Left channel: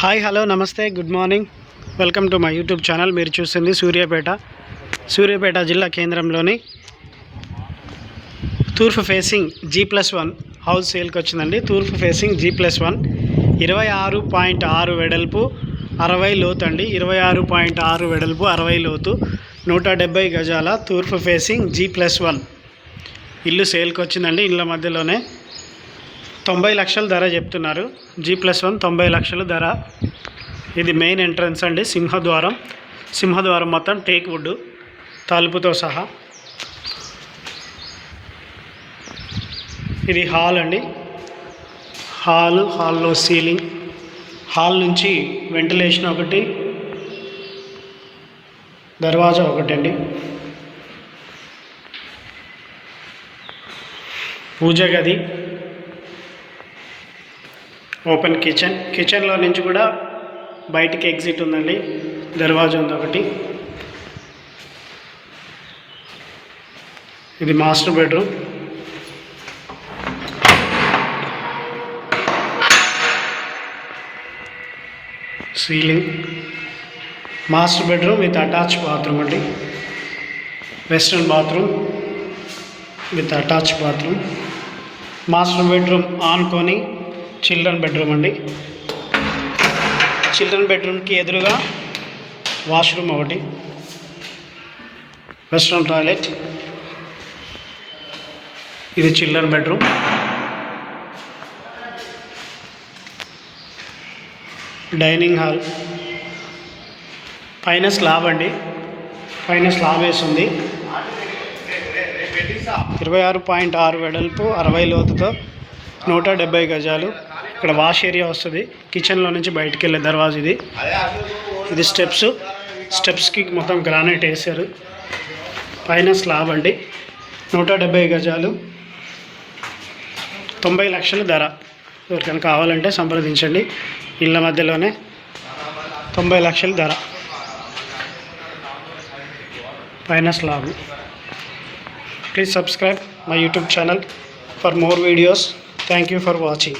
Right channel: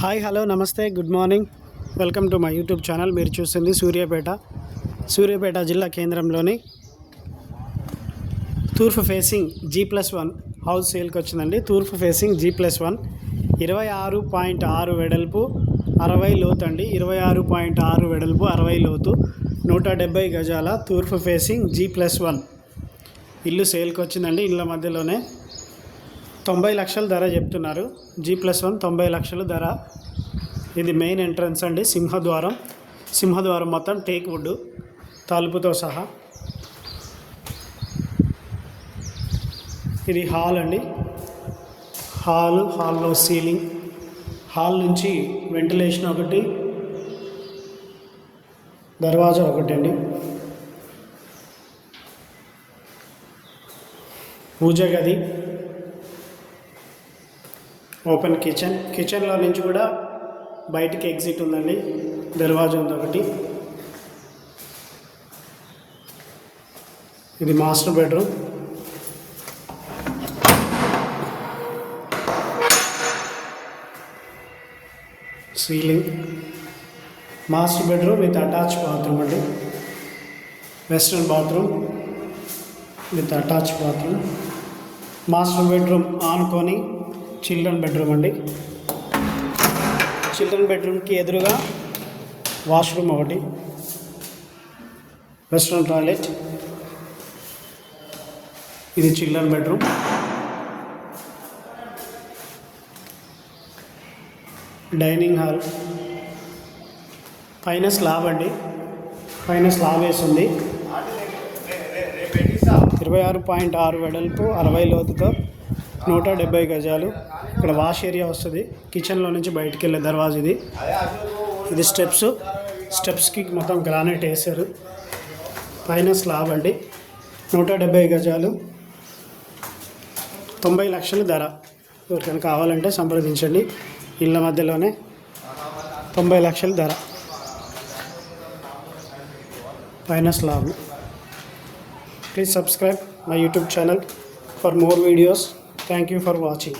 Hi hello నమస్తే good morning welcome to my YouTube channel. మీరు చూస్తుంది సూర్యాపేట జిల్లా కేంద్రంలోని తూర్పు ఫేసింగ్ G+1 హౌస్ సేల్కి వచ్చిందండి. తూర్పు ఫేసింగ్ G+1 26.6 వెడల్పు 60 లోతు అండి. 26.6 వెడల్పు 60 లోతు 170 గజాల తూర్పు ఫేసింగ్ G+1 ఇల్లు సేల్కి వచ్చిందండి. ఇళ్ళ మధ్యలోనే 90 లక్షల ధర చెప్తున్నారు. G+1 90 లక్షల ధర. ఇది మెయిన్ ఎంట్రన్స్ అండి. సింహద్వారం మొత్తం టేక్ వుడ్ తలుపుతో సహా. ఇది హాల్ అండి. హాల్లో సీలింగ్, హాల్ నుంచి వెంటిలేషన్ ఒకటి, దర్వాజా ఒకటండి. పూజ గది, ఓపెన్ కిచెన్లో నుంచి కూడా బయటికి ఎగ్జిట్ ఉందండి. దర్వాజా ఉంది ఒకటి. ఇది master bedroom. Ceiling, master bedroom with attach bathroom అండి. Western bathroom with attach bathroom. Master bedroom ఆనుకొని చిల్డ్రన్ బెడ్రూమ్ అండి. చిల్డ్రన్ బెడ్రూమ్కి ఎదురుగా వాష్రూమ్ ఒకటి, వెస్ట్రన్ టాయిలెట్. ఇది చిల్డ్రన్ బెడ్రూమ్. డైనింగ్ హాల్, పైన స్లాబ్ అండి. పైన స్లాబ్ వేసింది. 26.6 వెడల్పు 60 లోతుతో 170 గజాలు. ఇక్కడ వాష్ ఏరియా వస్తుంది. కిచెన్లో నుంచి బయటికి వెళ్ళే దర్వాజా ఇది. ఇది స్టెప్స్కి మొత్తం గ్రానైట్ వేసారు. పైన స్లాబ్ అండి. 170 గజాలు 90 లక్షల ధర. ఎవరికైనా కావాలంటే సంప్రదించండి. ఇళ్ళ మధ్యలోనే 90 లక్షల ధర. పైన slab. Please subscribe my YouTube channel for more videos. Thank you for watching.